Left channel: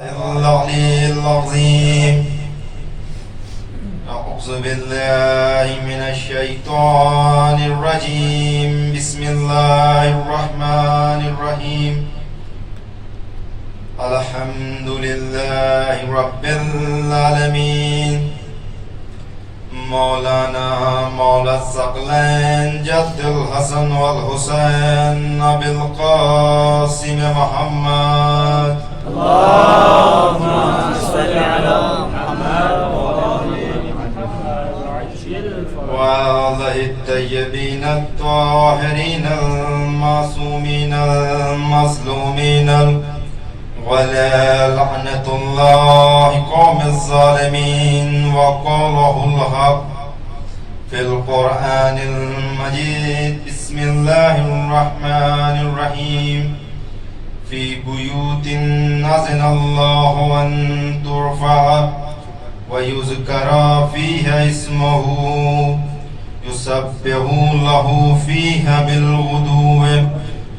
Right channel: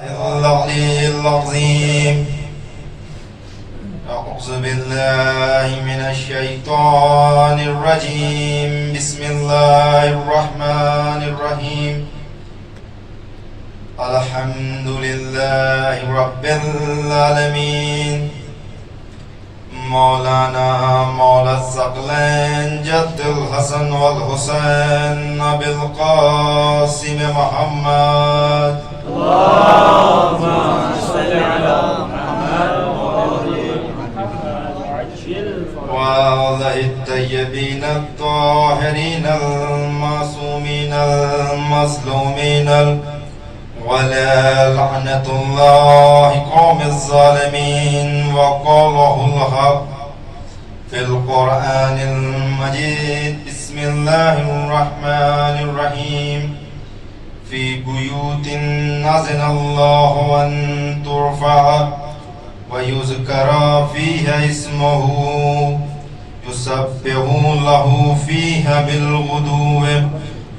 العلي العظيم. أعوذ بالله من الشيطان الرجيم. بسم الله الرحمن الرحيم. الحمد لله رب العالمين. مولانا مولا الثقلين جد الحسن والحسين أبي القاسم محمد. اللهم صل على محمد وآل محمد وعلى الطيبين الطاهرين المعصومين المظلومين ولا لعنة الله قوم الظالمين. وقاله الحق في القرآن المجيد. بسم الله الرحمن الرحيم. في بيوت أذن الله أن ترفع ويذكر فيها اسمه يسبح له فيها بالغدو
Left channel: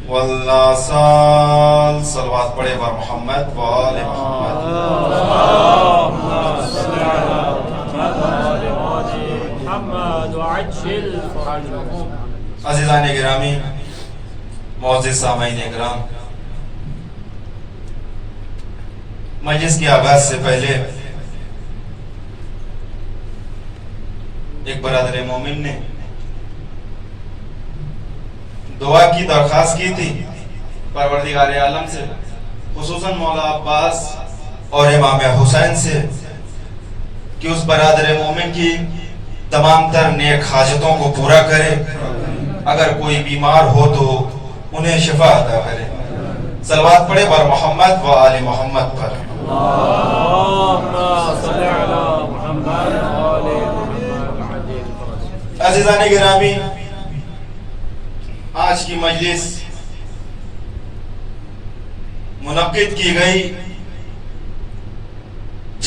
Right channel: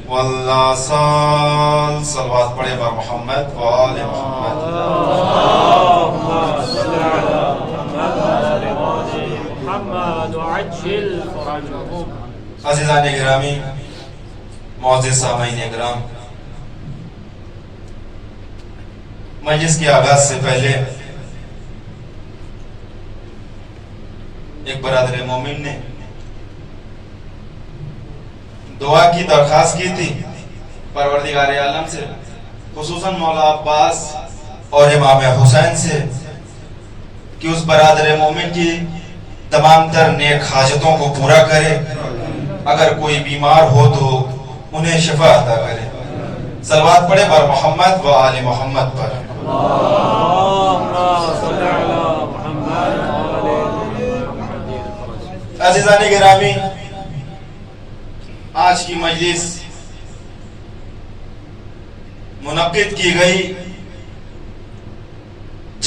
والآصال. صلوات پڑھے بر محمد و آل محمد. اللهم صل على محمد وآل محمد وعجل فرجهم. عزیزان گرامی، معزز سامعین کرام، مجلس کے آغاز سے پہلے ایک برادر مومن نے دعا کی درخواست کی تھی پروردگار عالم سے، خصوصاً مولا عباس اور امام حسین سے، کہ اس برادر مومن کی تمام تر نیک حاجتوں کو پورا کرے، اگر کوئی بیمار ہو تو انہیں شفا عطا کرے. صلوات پڑھے بر محمد و آل محمد پر. اللهم صل على محمد وآل محمد. عزیزان گرامی، آج کی مجلس منعقد کی گئی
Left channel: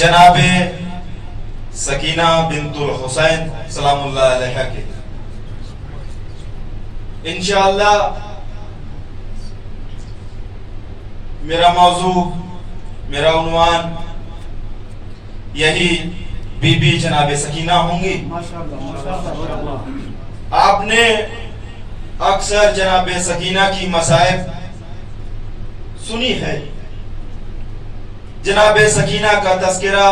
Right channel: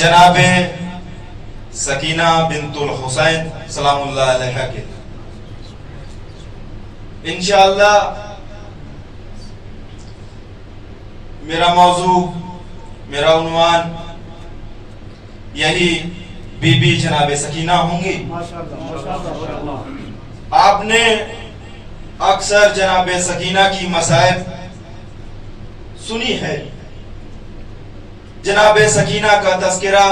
جناب سکینہ بنت الحسین سلام اللہ علیہ کے. انشاءاللہ میرا موضوع، میرا عنوان یہی بی بی جناب سکینہ ہوں گی. آپ نے اکثر جناب سکینہ کی مصائب سنی ہے، جناب سکینہ کا تذکرہ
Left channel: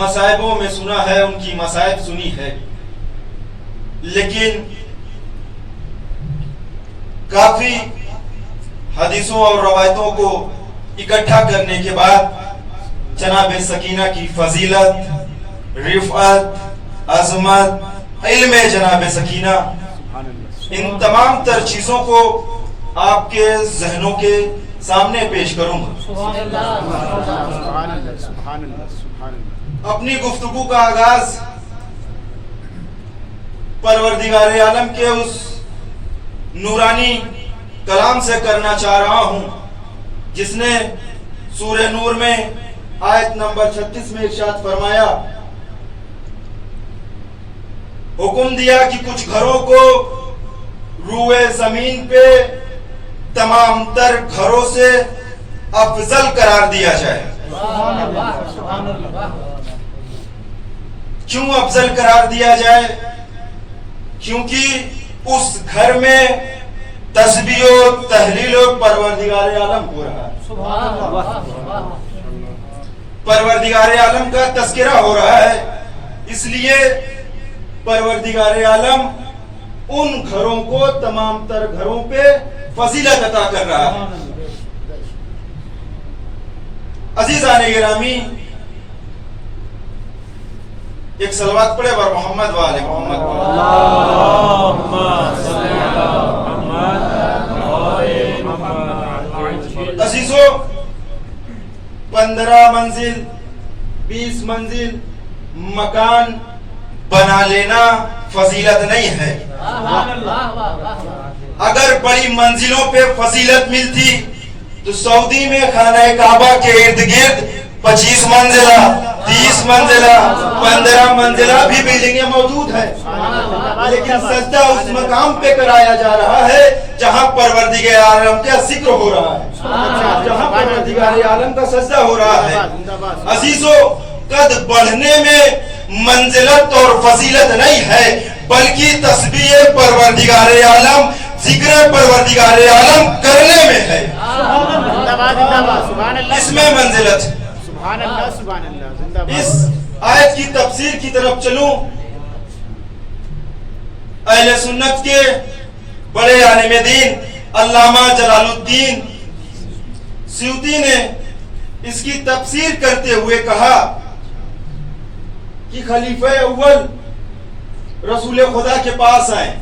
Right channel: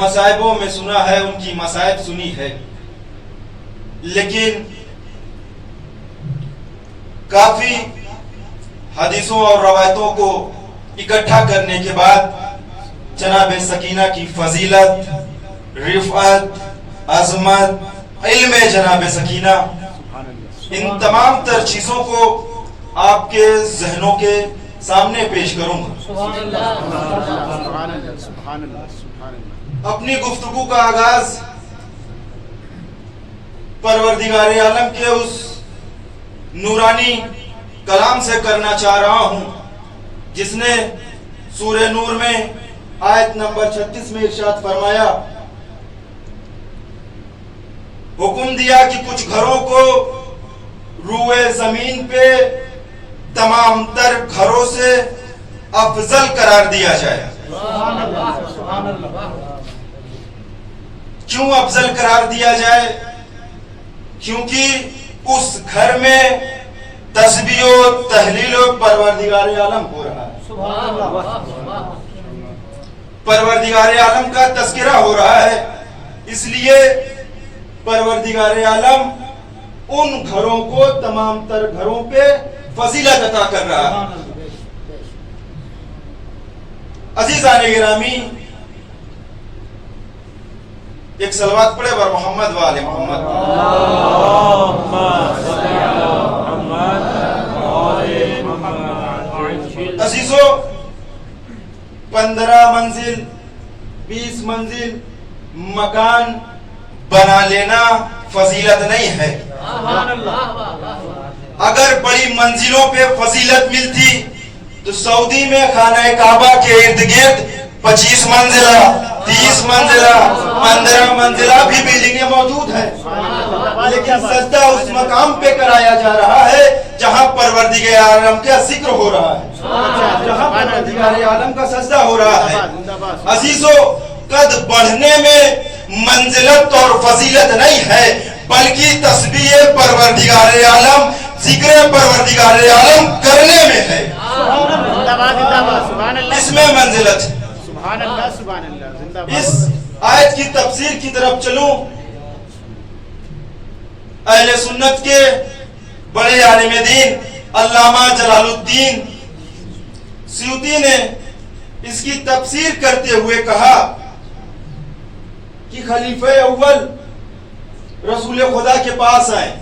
مصائبوں میں سنا ہے، ان کی مصائب سنی ہے، لیکن کافی حدیثوں اور روایتوں کو اکٹھا کرنے کے بعد جناب سکینہ کی فضیلت، رفعت، عظمت، علم جناب سکینہ، ان تمام تر چیزوں کو آپ کے ذہنوں کے سامنے پیش کروں گا. اپنی گفتگو کا آغاز پروردگار عالم کے اس نورانی کلام سے کرنا چاہ رہا ہوں جس نے سورہ نور میں آیت نمبر 36 میں ارشاد فرمایا، حکم دیا کہ کچھ گھروں کو روئے زمین پہ تمام تر گھروں سے افضل قرار دیا جائے. کیوں افضل قرار دیا جائے؟ کیونکہ اس گھر میں تسبیح و تحلیل و پروردگار عالم ہو رہا ہے، پروردگار عالم کا تذکرہ ہو رہا ہے. اس لیے پروردگار عالم ان گھروں کو تمام تر گھروں پہ فضیلت عطا کر رہا ہے. عزیزان گرامی، ایک صلوات پڑھے بر محمد و آل محمد. اللهم صل على محمد وآل محمد. عزیزو، 15 منزل 20 منزل مکان بنا لینا فضیلت نہیں ہے. اگر بڑی منزلوں پہ فضیلت ملتی تو سعودی میں خانہ کعبہ کے ارد گرد 25 منزلہ 30 मंजिला 15 मंजिला भी बिल्डिंगें मौजूद हैं, लेकिन सजदा उस मकाम पे कराया जा रहा है जहां परवरदिगार आलम का जिक्र हो रहा है, जहां परवरदिगार आलम का सजदा हो रहा है। अजीजों, कद बढ़ने में मंजिलत और फजीलत नहीं है, बल्कि तस्बीह परवरदिगार आलम, जिक्र परवरदिगार आलम करने में है, इसमें मंजिलत। इस आयत की तफसीर की तरफ चलूं, अहले सुन्नत के बड़े आलिम दीन अल्लामा जलालुद्दीन सयूती ने इसकी तफसीर करते हुए कहा कि खलीफा अव्वल रसूल खुदा के पास आए।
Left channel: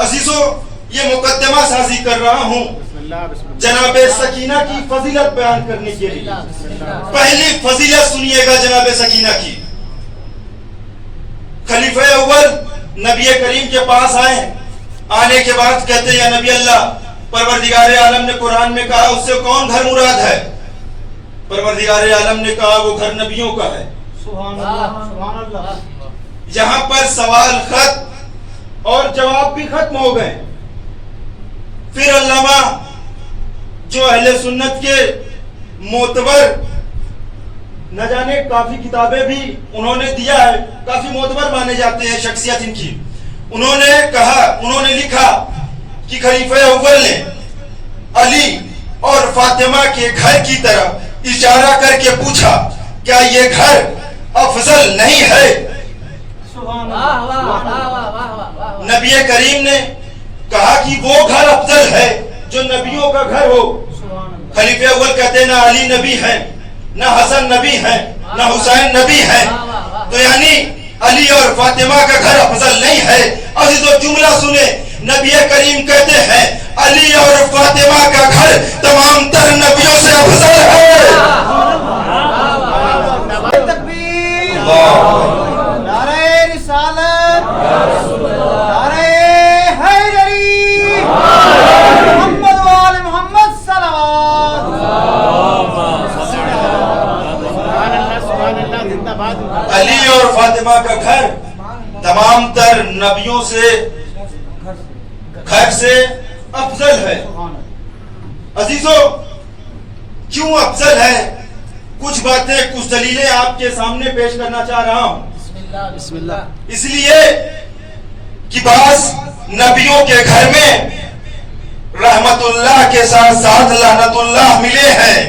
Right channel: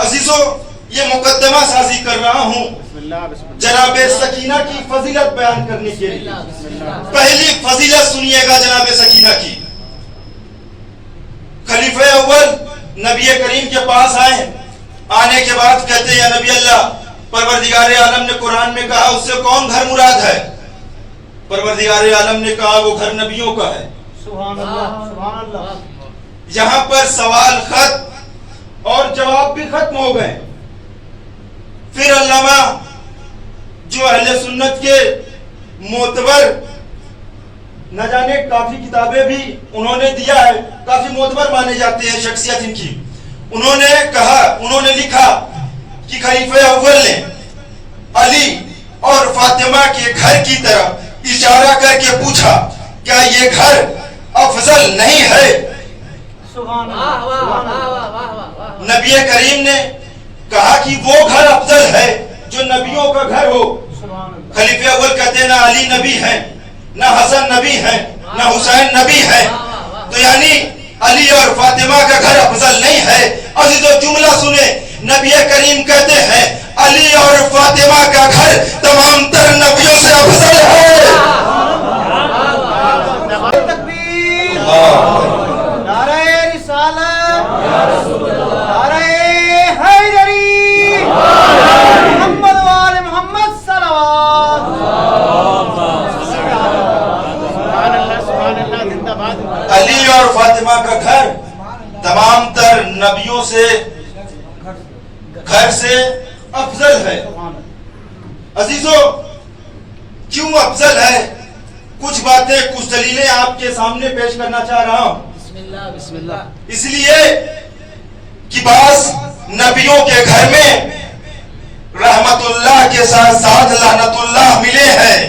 अजीजों, ये मुकद्दमा साजी कर रहा हूं जनाबे सकीना की फजीलत बयान करने के लिए। पहली फजीलत सुनिएगा जनाबे सकीना की। खलीफा अव्वल नबी करीम के पास आए, आने के बाद कहते हैं, नबी अल्लाह, परवरदिगार आलम ने कुरान में कहा उससे कौन घर मुराद है? परवरदिगार आलम ने कहा वो घर नबियों का है। सुभान अल्लाह, सुभान अल्लाह। यहां पर सवाल खत्म और जवाब भी खत्म हो गए। फिर अल्लामा जो अहले सुन्नत के मोतबर, न जाने काफी किताबें भी उन्होंने दिया है, काफी मोतबर माने जाते हैं शख्सियत इनकी, उन्होंने लिखा कि खलीफा अव्वल ने अली और फातिमा के घर की तरफ इशारा करके पूछा, क्या ये घर अफजल नहीं है? नबी करीम ने कहा कि वो घर अफजल है जो नबियों का घर हो। खलीफे अव्वल कहते ना अली नबी हैं, ना हसन नबी हैं, ना हुसैन नबी हैं, तो यानी अली और फातिमा का घर अफजल नहीं है। अजीजों, जुमला सुने, नबी करीम कहते हैं अली और फातिमा का घर तमाम तर नबियों से अफजल है। अली और फातिमा का घर तमाम तर नबियों से घर से अफजल है। अजीजों, क्यों अफजल है? कुछ बातें, कुछ दलीलें आपके सामने पेश करना चाह रहा हूं। बिस्मिल्लाह। इसलिए कि बास नबियों के घर में रहमतुल्लाह के साथ साथ लानतुल्लाह मिले हैं।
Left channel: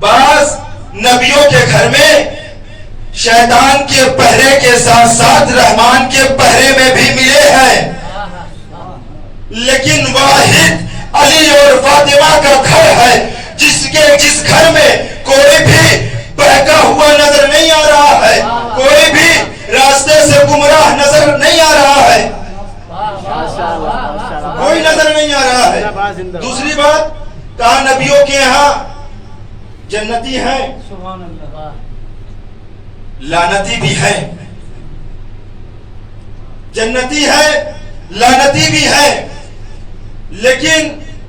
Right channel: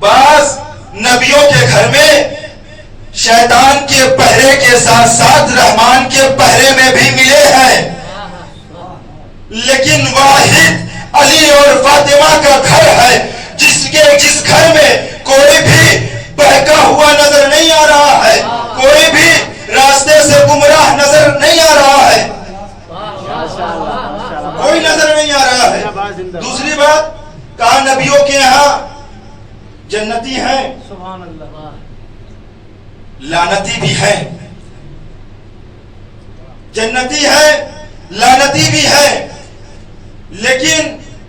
बास नबियों के घर में शैतान के पहरे के साथ साथ रहमान के पहरे में भी मिले हैं, लेकिन वाहिद अली और फातिमा का घर है जिस घर में कोई भी बहका हुआ नजर नहीं आ रहा है, कोई भी रास्ते से गुमराह नजर नहीं आ रहा है, कोई नजर नहीं आ रहा है। दूसरी बात, कहा नबियों के यहाँ जन्नती हैं, सुभान अल्लाह, लानती भी हैं। जन्नती है, लानती भी है, लेकिन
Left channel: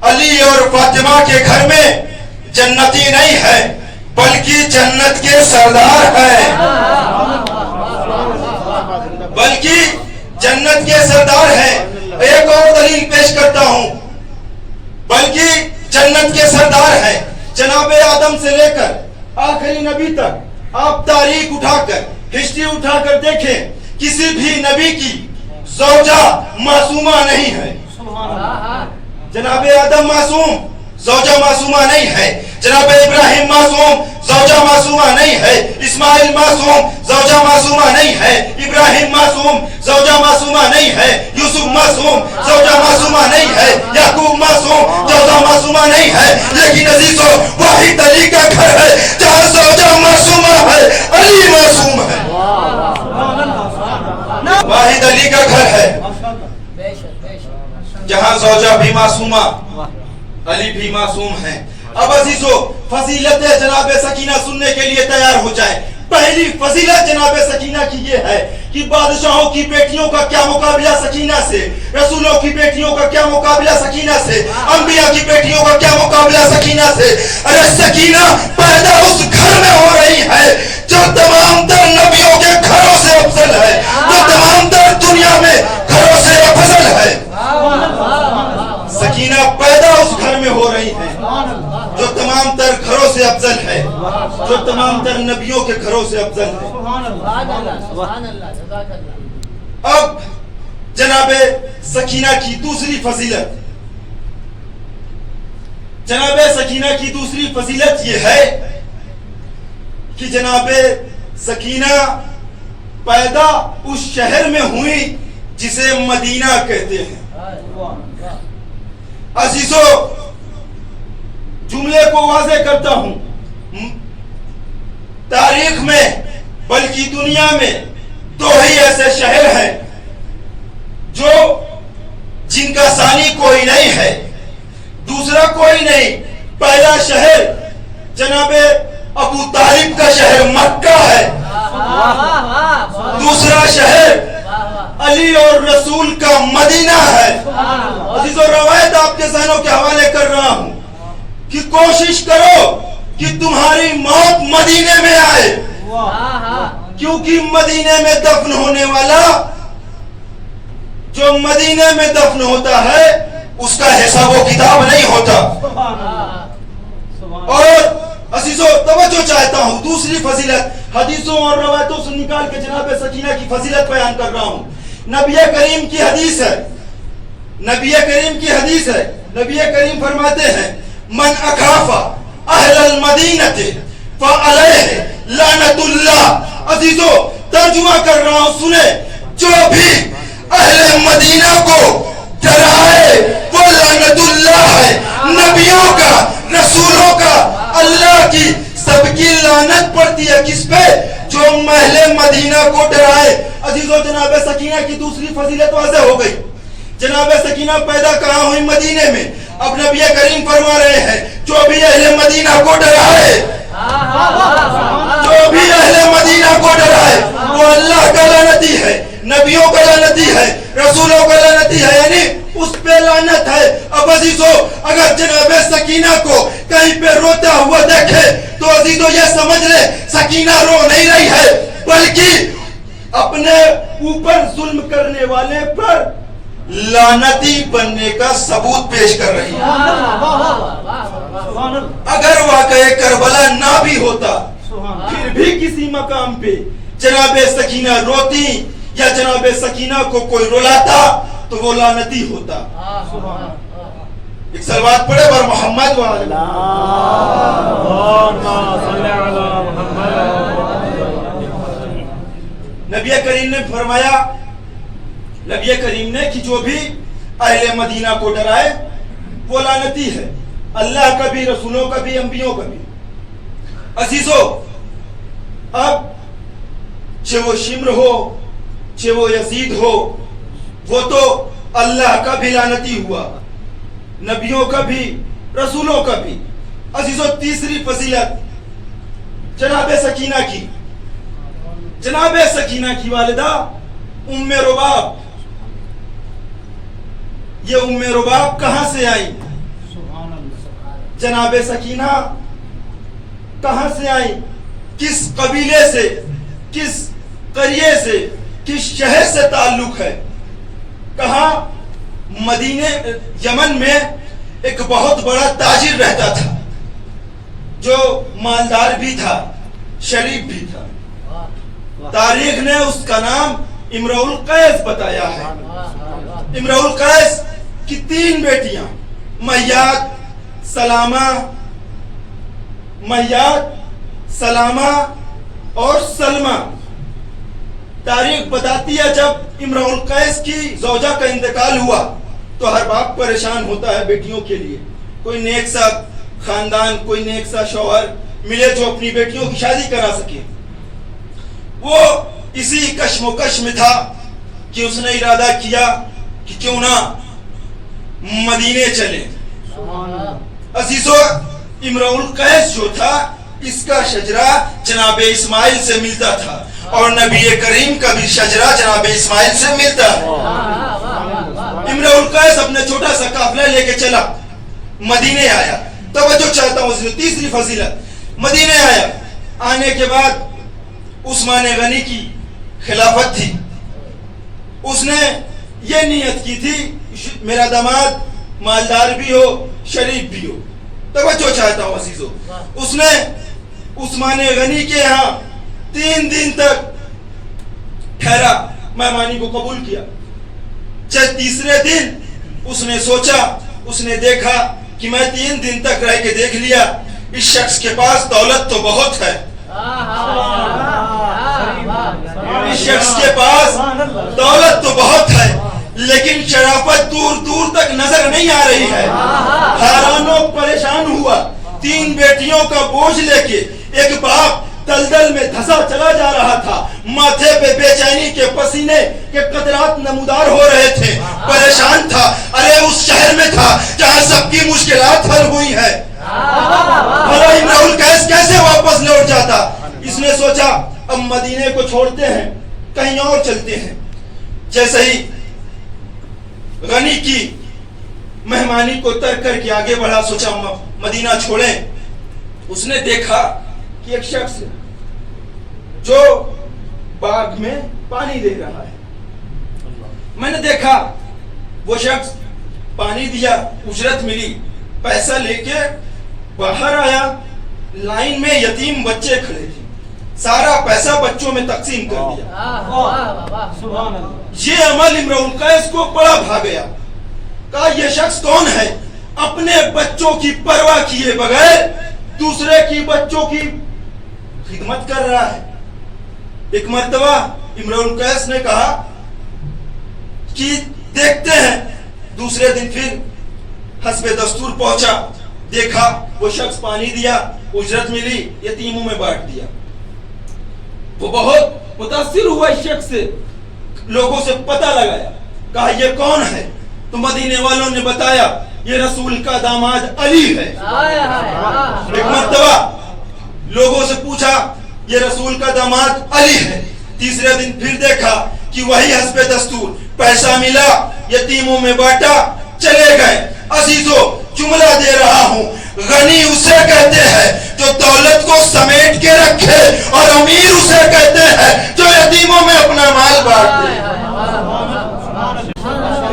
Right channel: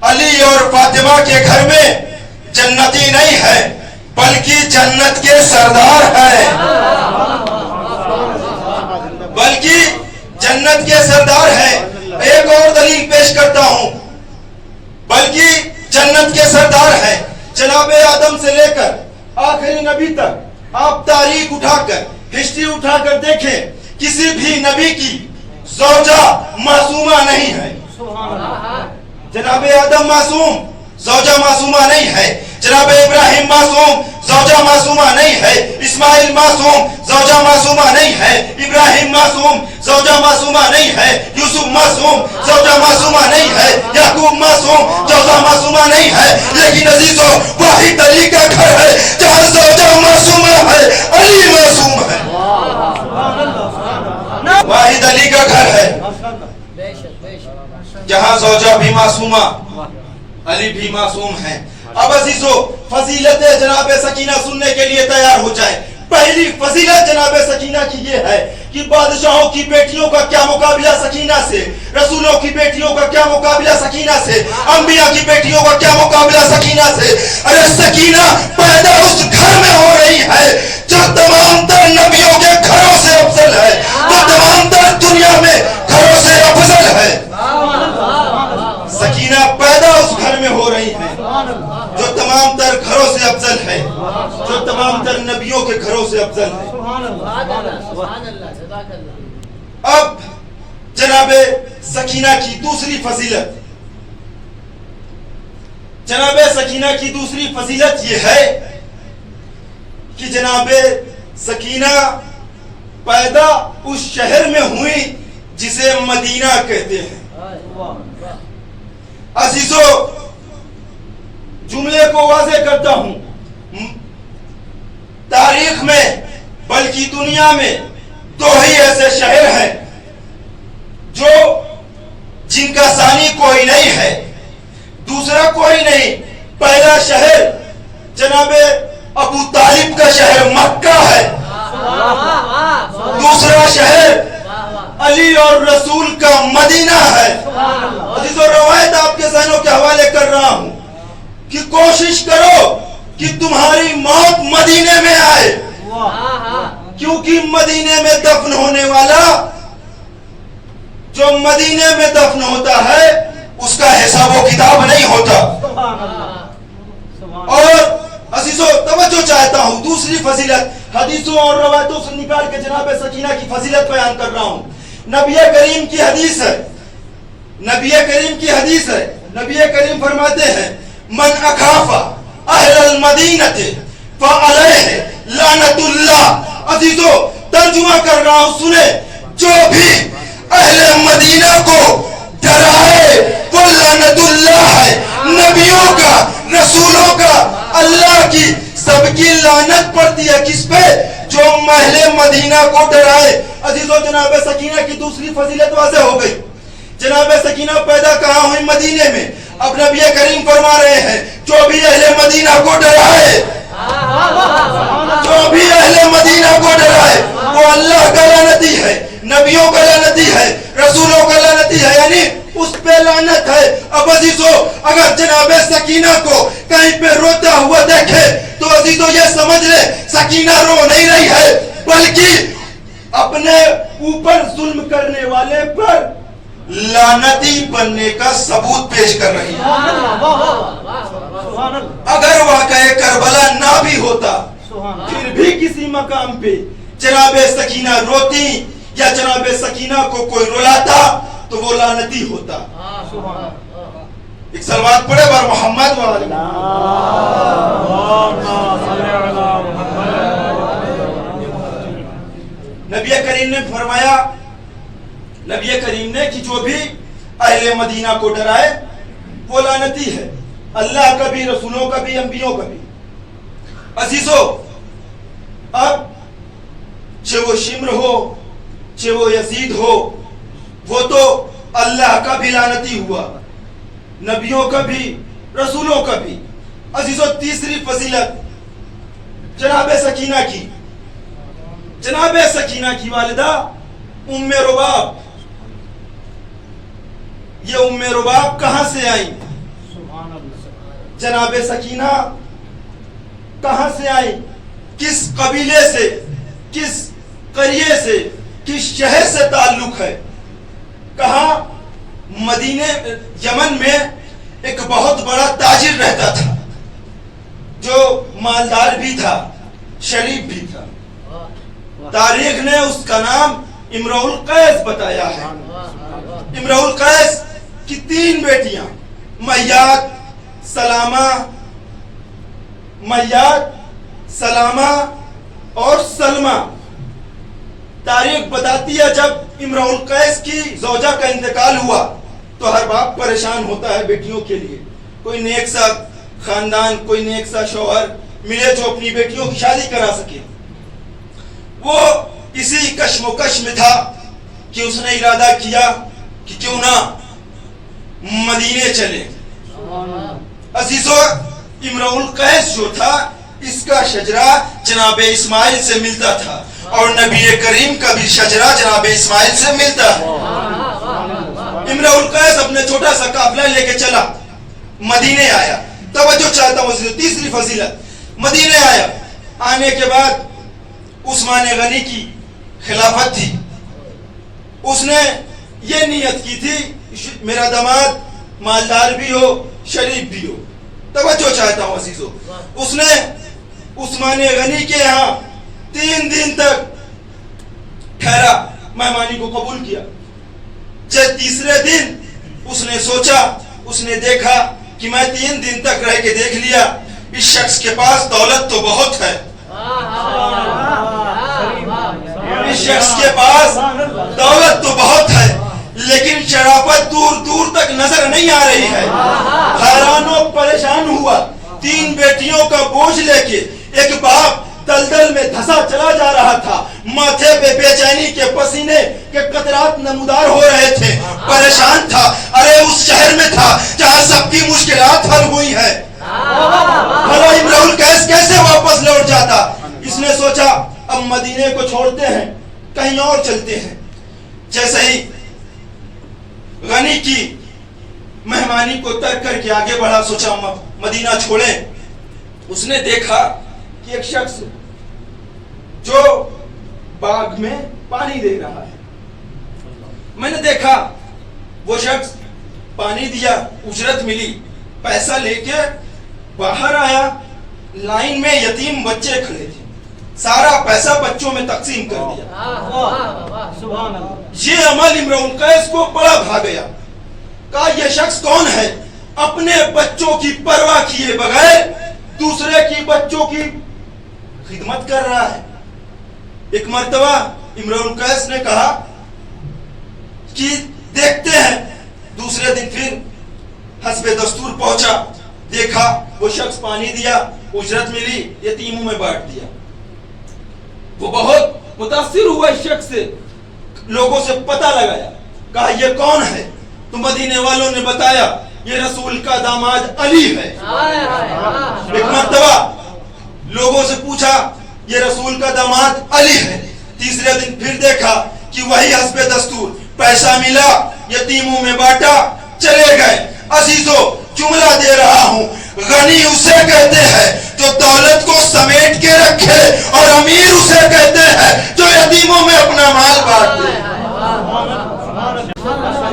अली और फातिमा के घर में जन्नती नहीं है, बल्कि जन्नत के सरदार हैं, बल्कि जन्नत के सरदार हैं। एक और दलील पेश करता हूं, बल्कि जन्नत के सरदार हैं। जनाबे आदम से लेकर आखिरी नबी तक आप तारीख उठाकर, हिस्ट्री उठाकर देखें, किसी भी नबी की ज़ौजा मासूमा नहीं है। जनाबे आदम मासूम, ज़ौजा मासूमा नहीं है। जनाबे इब्राहिम मासूम, ज़ौजा मासूमा नहीं है। इस्माइल मासूम, ज़ौजा मासूमा नहीं है। इब्राहिम मासूम, ज़ौजा मासूमा नहीं है। यूसुफ मासूम, ज़ौजा मासूमा नहीं है। याकूब मासूम, ज़ौजा मासूमा नहीं है। लेकिन अजीजों, वाहिद अली का घर है जहां ज़ौजा मासूमा है, अली मासूम है। वाहिद अली का घर है जहां ज़ौजा भी मासूमा, अली भी मासूम है। अब अजीजों, फजीलत जनाब सकीना सुनने के लिए तैयार हो जाए। पहली फजीलत जनाब सकीना की ये है कि बादशाहों की बेटियों का क्या मुकाबला सकीना से, रसूलों की बेटियों का क्या मुकाबला सकीना से, अंबिया की बेटियों का क्या मुकाबला सकीना सकीना से। अरे सकीना पैदा उस घर में हो रही है जो तमाम तर नबियों के घरों से अफजल है, जो तमाम तर दुनिया में घरों से अफजल है। सकीना पैदा उस घर में हो रही है जो तमाम तर घरों से अफजल है, जो तमाम तर नबियों के घरों से अफजल है। अब जनाबे सकीना की दूसरी फजीलत, जनाबे सकीना की दूसरी फजीलत ये है कि जनाबे सकीना पैदा उस शहर में हुई जिसे मदीना कहते हैं। अजीजो, जुमले को वाज़े करता हूं, तारीख में बल्कि दुनिया में दो ही ऐसे शहर हैं जो जिनका सानी कोई नहीं है, दूसरा कोई नहीं। पहला शहर जनाबे अबू तालिब का शहर मक्का है, दूसरा शहर अली और रसूल का मदीना है। अजीजो, रवायत आपके ज़हनों के हवाले कर रहा हूं कि कोशिश करो कि तुम्हारी मौत मदीने में आए, क्योंकि मदीने में दफन होने वाला, जो मदीने में दफन होता है उसका हिसाब व किताब नहीं होता। और अजीजो तवज्जो चाहता हूं, दूसरी फजीलत हदीसों और रवायतों से निकाल के जनाब सकीना की फजीलत बयान कर रहा हूं। नबी करीम की हदीस है, नबी करीम की हदीस है। नबी करीम फरमाते हैं, मन अखाफा अहलल मदीनते फअलैहि लानतुल्लाह। अजीजो तर्जुमा कर रहा हूं, सुने, जो भी अहले मदीना को डराए वो लानतुल्लाह है। नबियों का, रसूलों का, अल्लाह की सबकी लानत पड़ती है किस पे? जो महले मदीना को डराए। अजीजों, जनाब सकीना की दूसरी फजीलत वाज़ेह हो गई। जनाब सकीना पैदा कहाँ हुई? मदीने में। अब नबी करीम फरमा रहे हैं, जो भी अहले मदीना को डराए, जो भी अहले मदीना को डराए वो अल्लाह का लानती है, नबियों का लानती है, रसूलों का लानती है, यानी उस पे लानत है। अब अजीजों, अगर जनाबे सकीना को कहीं पे रोता हुआ देखे तो अजीजों ये समझ ले सकीना रो नहीं रही है, बल्कि अपने ऊपर जुल्म करने वाले पर लानती बनने का सबूत पेश कर रही है। अगर वाक़या करबला ना भी होता, फिर भी किसी मकाम पे जनाबे सकीना रोती या जनाबे सकीना को कोई रुलाता तो वो लानती होता। एक सलवात पढ़े बर मोहम्मद वाले। नबी करीम ने फरमाया, नबी करीम ने कि जो भी अहले मदीना को डराए वो लानती है, अल्लाह का भी, रसूलों का भी, अंबियों का भी। अजीजों, अब चाहे वो शिम्र हो, चाहे वो यजीद हो, वो तो अल्लाह का भी लानती हुआ, नबियों का भी, रसूलों का भी। अजीजों, तीसरी फजीलत जनाबे सकीना की, जनाबे सकीना की वालिदा उम्मे रुबाब। ये उम्मे रुबाब कहां से आई? जनाबे सकीना कहां से आई? किस कबीले से, किस करिए से, किस शहर से ताल्लुक है? कहा? मदीने, यमन में एक बहुत बड़ा ताजिर रहता था जो मालदार भी था, शरीफ भी था। तारीख ने उसका नाम इमरुल कैस बताया है। इमरुल कैस की 3 बेटियां, मय्यात, सलामा, मय्यात, सलामा और सलमा। तारीख बताती है जब इमरुल कैस की ज़ौजा का इंतकाल हुआ तो हर बाप परेशान होता है बेटियों के लिए। कोई नेक सा खानदान, कोई नेक सा शौहर मिले जो अपनी बेटियों की शादी करा सके। वो इसी कश्मोकश में था कि उसने इरादा किया कि क्यों ना मदीने चले। अजीजों, इमरुल कैस जो था इसका शजरा जनाबे इस्माइल से मिलता था और नबी करीम का भी शजरा जनाबे इस्माइल से मिलता है। इमरुल कैस अपने छोटा सा काफिला लेके चला, मदीने आया। توجہ چاہتا ہوں عزیزو، تیسری فضیلت، مدینے آیا، آنے کے بعد عثمان غنی کی خلافت تھی، اس نے یہ نیت کی تھی میرا داماد مالدار بھی ہو شریف بھی ہو. توجہ چاہتا ہوں عزیزو، اس نے عثمان غنی کے یہاں 3 دن تک ٹھہرا، مہمانی کو قبول کیا. تیسرے دن اس نے سوچا، اس نے دیکھا کہ میں 3 دن تک رہ کے دیکھ لیا اس شخص کے پاس دولت تو بہت ہے، اس شخص کے پاس دولت تو بہت ہے، لیکن شرافت دور دور تک نظر نہیں آ رہی ہے. حیران و پریشان ہوا، 3 بیٹیوں کا بوجھ لے کے ایک باپ دلدل میں دھسا چلا جا رہا تھا، ماتھے پہ بے چینی کے پسینے کے قطرات نمودار ہو رہے تھے، پریشان تھا. ارے اس شہر میں تھا جہاں سب کی مشکلات حل ہوئی ہے، بھلا امرؤ القیس کیسے واپس لوٹ جاتا. اس نے سوچا اب مدینے کو چھوڑتے ہیں، کہیں اور چلتے ہیں. جیسے ہی غنی کی مہمانی کو ترک کر کے آگے بڑھا، سوچا مدینہ چھوڑیں. اس نے دیکھا کہ ایک شخص جو باغ میں پانی دے رہا ہے. میں نے دیکھا وہ شخص پانی دیا، اجرت ملی، پیسہ لے کے باہر آیا. لائن میں یتیم بچے کھڑے تھے، سارا پیسہ بچوں میں تقسیم کر دیا. یہ عمل امرؤ القیس کو بڑا بھا گیا. کہا یہ شخص کون ہے، اپنے بچوں کی پرواہ کیے بغیر دوسرے کی بچوں کی خدمت کر رہا ہے. ایک مرتبہ امرؤ القیس نے کہا کہ دیکھتے ہیں. دوسرے دن پھر حسب دستور پہنچا، دیکھا وہ شخص پانی دیا، اجرت ملی، یتیموں میں بانٹ دیا. وہ بہت متاثر ہوا اس شخص سے، لوگوں سے پتہ لگایا، کہا یہ کون ہے. تو مدینے والوں نے بتایا یہ رسول کا داماد علی ہے. ایک مرتبہ لوگوں سے پوچھا یہ رسول کا داماد علی ہے. تیسرے دن پھر دیکھا کہ وہی حسب دستور، پیسہ ملا، یتیموں میں بانٹا، چلے گئے. عزیزو جملہ دے رہا ہوں، غنی اسے کہتے ہیں جو دولت کو سمیٹ کے رکھے، اور امیر اسے کہتے ہیں جو یتیموں میں اپنا مال بانٹ دے.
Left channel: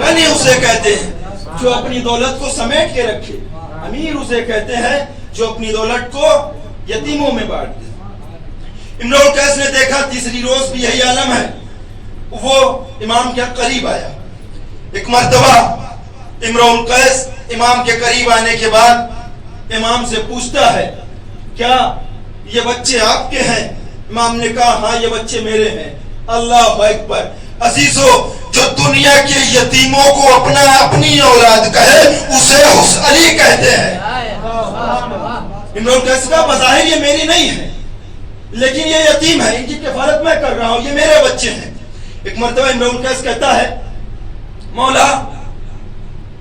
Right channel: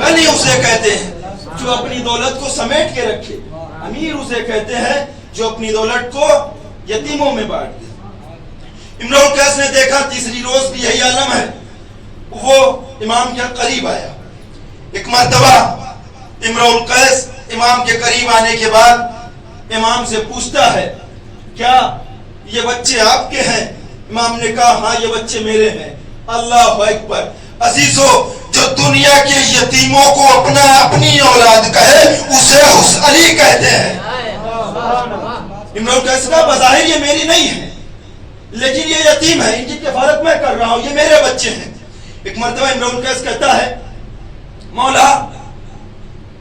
غنی اسے کہتے ہیں جو اپنی دولت کو سمیٹ کے رکھے، امیر اسے کہتے ہیں جو اپنی دولت کو یتیموں میں بانٹ دے. امرؤ القیس نے دیکھا تیسری روز بھی یہی عالم ہے. وہ امام کے قریب آیا. ایک مرتبہ امرؤ القیس امام کے قریب آنے کے بعد امام سے پوچھتا ہے کیا یہ بچے آپ کے ہیں؟ امام نے کہا ہاں یہ بچے میرے ہیں. اللہ اکبر. عزیزو جو دنیا کے یتیموں کو اپنی اولاد کہے اسے علی کہتے ہیں. امرؤ القیس کا بظاہر یہ میری نہیں ہے، لیکن یہ یتیم ہے، ان کی کفالت میں کر رہا ہوں، یہ میرے بچے ہیں. ایک مرتبہ امرؤ القیس کہتا ہے مولا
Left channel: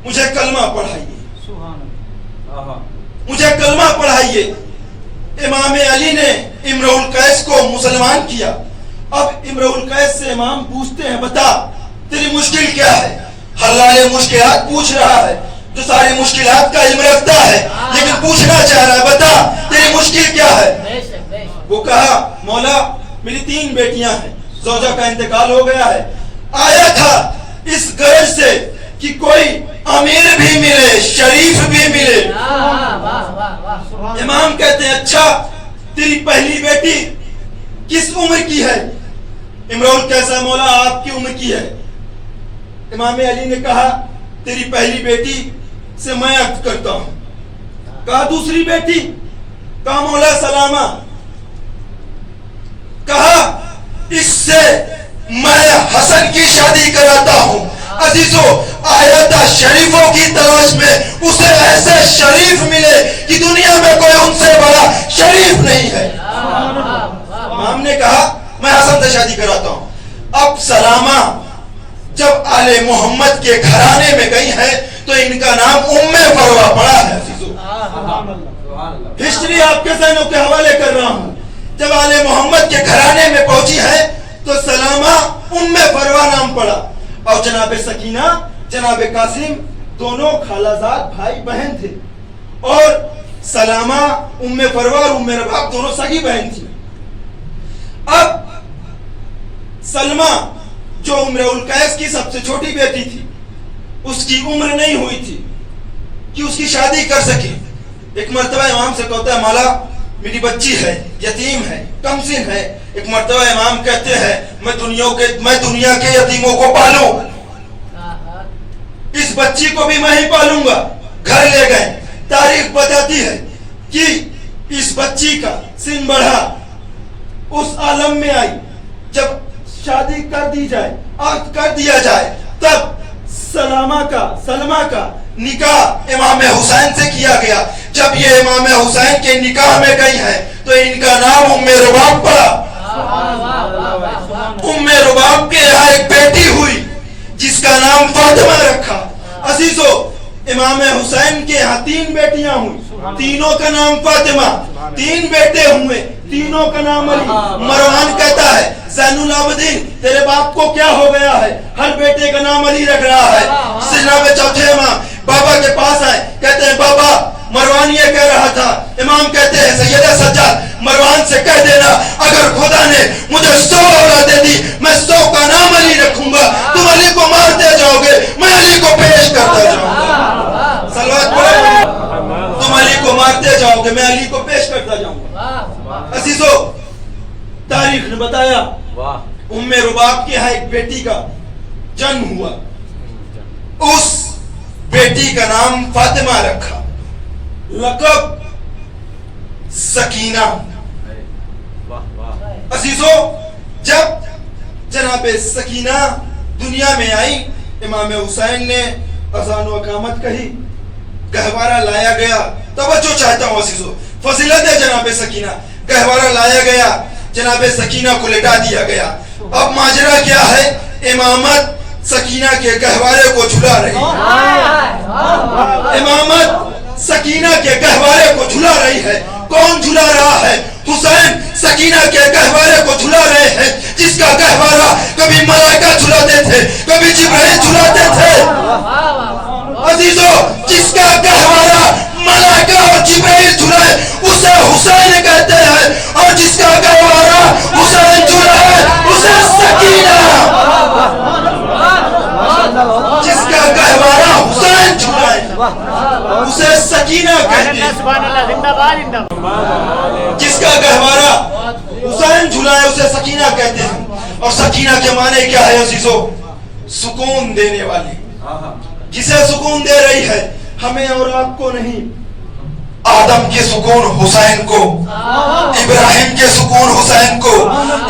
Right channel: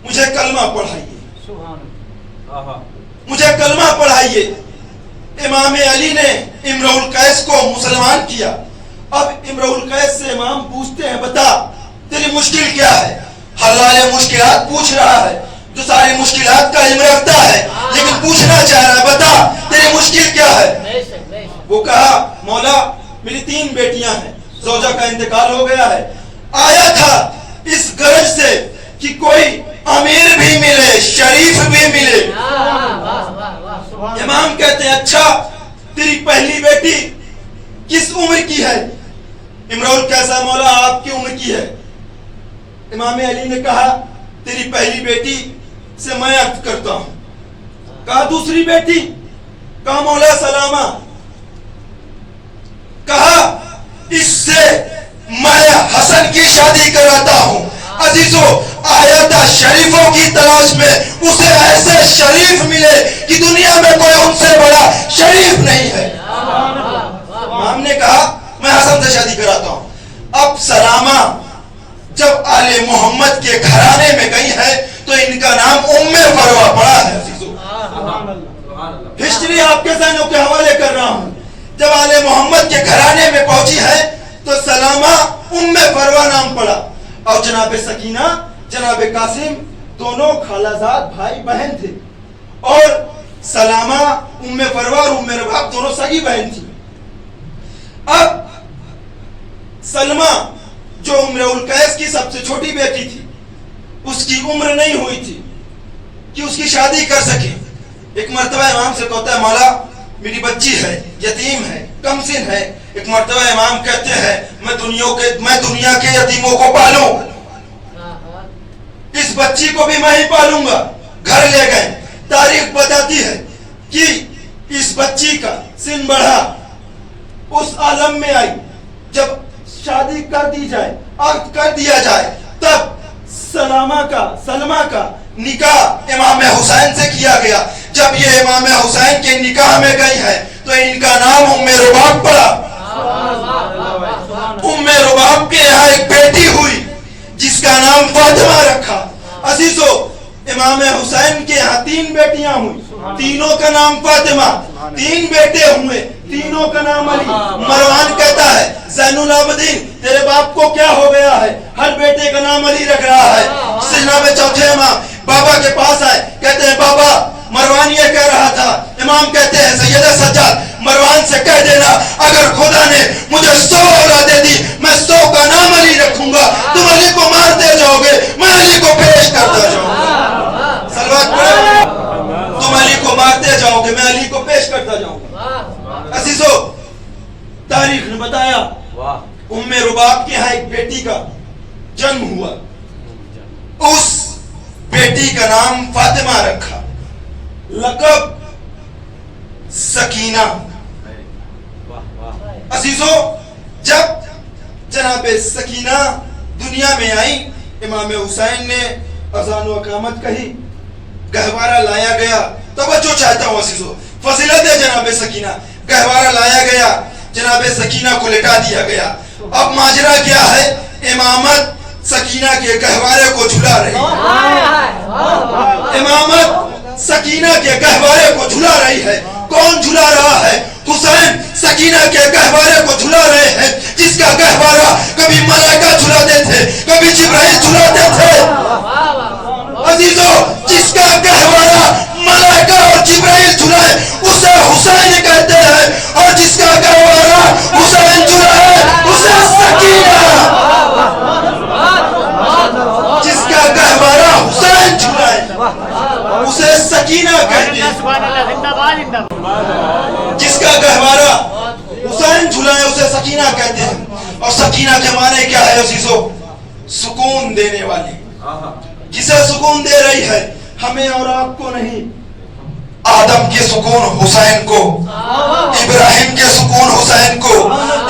مجھے کلمہ پڑھائیے، مجھے کلمہ پڑھائیے. امام علی نے امرؤ القیس کو مسلمان کیا. اب امرؤ القیس سے امام پوچھتے ہیں بتا تیری مشکل کیا ہے. حلال مشکلات پوچھ رہا ہے، جو ساری مشکلات کا علم رکھتا ہے، لیکن پوچھنا چاہ رہا ہے بتا تیری مشکل کیا ہے. وہ کہا مولا میری 3 بیٹیاں ہیں، زوجہ کا انتقال ہو گیا ہے، آیا تھا اس غرض سے کہ کوئی امیر بھی ملے، شریف بھی ملے. امام کہتے ہیں اچھا تیری پہلی بیٹی کس عمر کی ہے؟ امرؤ القیس مولا آپ کی عمر کی ہے. امام علی نے کہا تیری پہلی بیٹی سے میں عہد کرتا ہوں. کہا دوسری بیٹی؟ کہا مولا سلامہ. کہا اس سے میں حسن کی شادی کراتا ہوں. عزیزو آیت شریفوں کی تلاش میں اسے ایسے شریف ملے کہ دنیا میں کوئی ان سے بڑا شریف نہیں ہے. امام نے کہا میں حسن سے شادی کراتا ہوں. اب سلامہ جب آل محمد کے گھرانے میں گئی ہے تو ان کا نام ام فروا پڑا ہے. ہسٹری آپ کے ذہنوں کے حوالے کر رہا ہوں. جب آل محمد کے گھرانے میں پہنچی ہے تو سلامہ ام فروا نام پڑا. اور جناب سکینہ جناب قاسم دونوں خالہ زاد بھائی بہن تھے. اور सलामा उम्मे फरवा और उम्मे रबाब दोनों सगी बहन थी। अब सलमा जो उम्र उल कैस की सबसे छोटी बेटी थी, उसकी उम्र नहीं हुई थी कि उसकी शादी कर सके। एक मर्तबा इमाम से कहता है, मौला मेरी बच्ची है, यतीम है, कमसिन है। एक मर्तबा इमाम कहते हैं, मैं दुनिया के यतीमों को पालूं, इस बच्ची को भी मैं ही पालूंगा। घर ले गए। तारीख बताती है कि इस बच्ची का सिन बढ़ा, उस आलम में आई जब शादी कर दी जाए, अक्द कर दिया जाए, तब सलमा का निकाह इमाम हुसैन से किया गया। जब ये इमाम हुसैन के निकाह में गई है तो इनका नाम उम्मे रुबाब पड़ा। उम्मे रुबाब के यहाँ एक बेटी हुई जिसका नाम फातिमा रखा। अजीजो, इमाम हुसैन के यहाँ 3 बेटियां हुई, तीनों का नाम फातिमा। 3 बेटे हुए, तीनों का नाम अली। मरवान कहता है, ज़ैनुल आबदीन तेरे बाप को क्या हो गया है, हर बेटे का नाम अली रख रहा है। जनाब चौथे इमाम बाबा के पास आए, कहते हैं बाबा मरवान ये कह रहा था। इमाम कहते हैं, सैयद सज्जाद मरवान से कह देना, अगर खुदा ने मुझे 100 औलाद दे दी, मैं 100 का नाम अली रखूंगा। तुम अली को मारते जाओगे, मैं अली को पेश करता जाऊंगा। सलवात पढ़ो। तुम अली को मारते जाओगे, मैं अली को पेश करता जाऊंगा। अजीजो, तारीख ने बताया उम्मे रुबाब के यहाँ एक बेटी का जन्म हुआ। उस बेटी का नाम फातिमा रखा, लक़ब सकीना। अजीजो, जब जनाबे सकीना दुनिया में आई, इमाम हुसैन ने अज़ान व इक़ामत कही, गहवारा लाया गया। तवज्जो चाहता हूँ अजीजो, फजीलत है जनाबे सकीना। गहवारा लाया गया, जनाबे सकीना को लेटा दिया गया। अब माजरा क्या है, इमामत सकीना के गहवारे को झुला रही है। इमामत सकीना के गहवारे को झुला रही है। कौन झुला रहा है? हुसैन सकीना के गहवारे को झुला रहे हैं, जिसका गहवारा कभी मलाइका झुलाते थे, कभी जिब्राइल झुलाते थे। अजीजो, जिसका गहवारा मलाइका और जिब्राइल झुलाए उसे हुसैन कहते हैं, और जिसका गहवारा हुसैन झुलाए उसे सकीना। जिसका गहवारा हुसैन झुलाए उसे सकीना कहते हैं। जिसका गहवारा हुसैन झुलाए उसे सकीना कहते हैं। और सकीना के माने क्या है अजीजो? सुकून देने वाली। किसे सुकून दे रही है? हमें और आपको नहीं। आदम के सुकून हुसैन को, इब्राहिम के सुकून हुसैन को,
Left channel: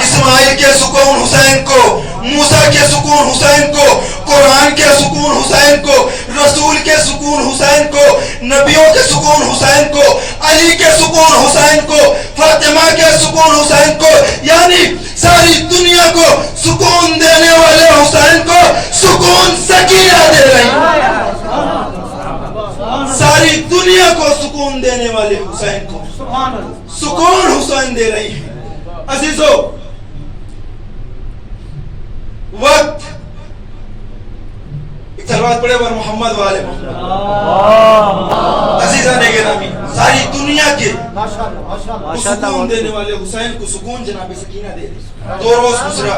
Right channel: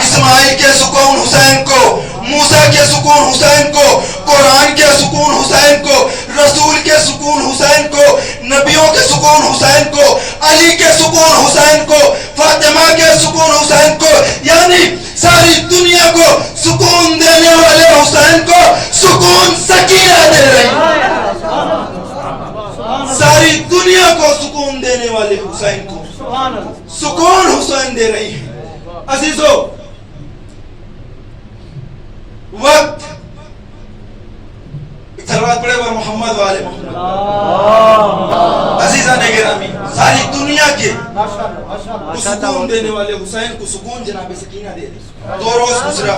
इस्माइल के सुकून हुसैन को, मूसा के सुकून हुसैन को, कुरान के सुकून हुसैन को, रसूल के सुकून हुसैन को, नबियों के सुकून हुसैन को, अली के सुकून हुसैन को, फातिमा के सुकून हुसैन को, यानी सारी दुनिया को सुकून देने वाले हुसैन को सुकून सकीना दे रही है। सारी दुनिया को सुकून देने वाले हुसैन को सुकून हुसैन दे रही है। अजीजो, वक्त सलवात पढ़े बर मोहम्मद वाले मोहम्मद। अजीजा ने गिरामी, सारी दुनिया के सुकून देने वाले हुसैन को सुकून जनाब सकीना दे रही। 2 रोज गुजरा,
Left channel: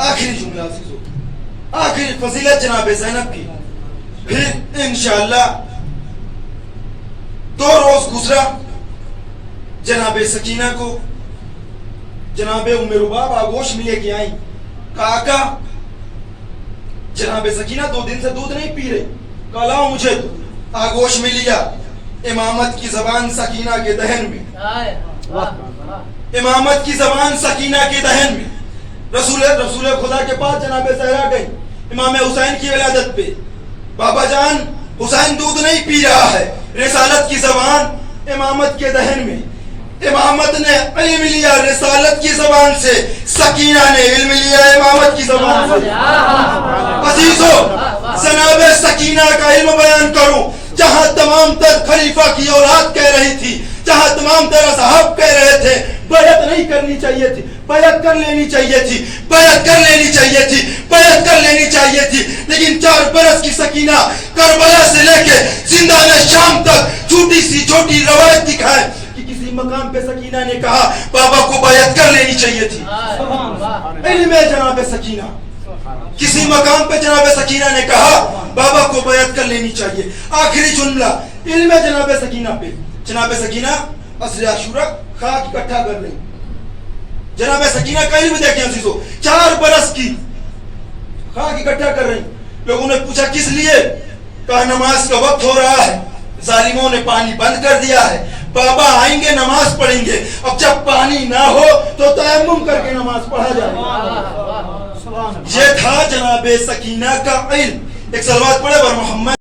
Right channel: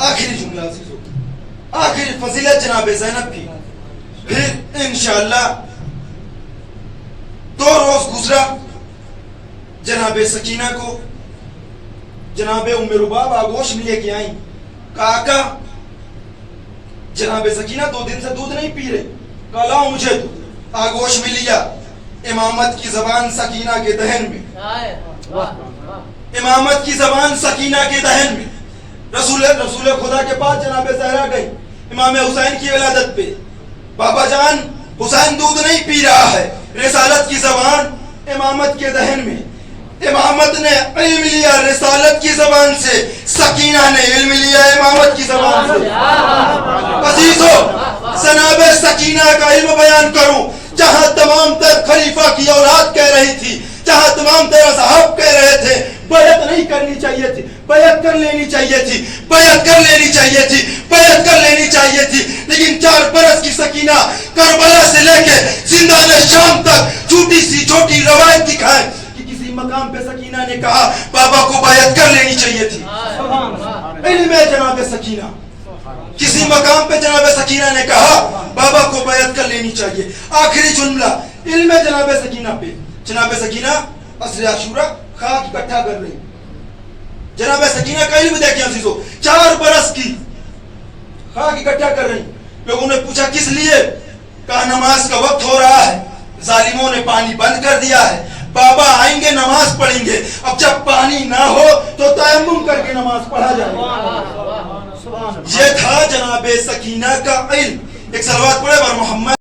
आखिरी जुमला अजीजो, आखिरी फजीलत जनाब ज़ैनब की। फिर इंशाअल्लाह 2 रोज गुजरा, जनाब सकीना को जनाब उम्मे रुबाब आगोश में लेके आई। काका जनाब सकीना 2 दिन से दूध नहीं पी रहे, कलाओ मुझे तो आगोश में लिया। इमामत की जबान सकीना के दहन में, इमामत की जबान सकीना के दहन में। रसूल खुदा के पास जनाब सहरा गई इमाम हुसैन की विलादत पे। बाबा जान, हुसैन दूध नहीं पी रहा है। रिसालत की जबान इमामत के दहन में। इमामत ने इल्म लिया रिसालत की जबान से, सकीना ने इल्म लिया इमामत की जबान से। अजीजो, जनाब सकीना का इल्म बयान करूं, जहां तमाम तर खलीफा की औलाद कह रही थी, जहां तमाम तर असहाब कह रहे थे बैअत नहीं करनी चाहिए थी, بیعت کر لینی چاہیے تھی، بیعت کر لینی چاہیے تھی، بیعت کر لینی چاہیے تھی، لیکن 4 برس کی سکینہ کربلا سے لے کے زندان شام تک چھوٹی سی چھوٹی روایت دکھائے کہ کسی مقام پہ سکینہ نے کہا بابا کو بیعت کر لینی چاہیے تھی۔ علم ہے جناب سکینہ، کسی مقام پہ جناب سکینہ نے کہا بابا کو بیعت کر لینی چاہیے۔ آخری جملہ علم ہے جناب سکینہ پہ، جناب سکینہ عصر عاشورہ خاک اکٹھا کر رہی، جناب سکینہ کا علم دیکھیں عزیزو، 4 برس کی خاک اکٹھا کر رہی۔ لوگوں نے پوچھا کس لیے؟ کہا نماز کا وقت ہو رہا ہے، ظالموں نے پانی بند کر دیا ہے، بابا آئیں گے نماز پڑھیں گے، اب جب پانی نہ ہو تو تیمم کر کے نماز پڑھا جائے گا۔ یہ تھا جناب سکینہ کا علم۔ ایک صلوات پڑھے بر محمد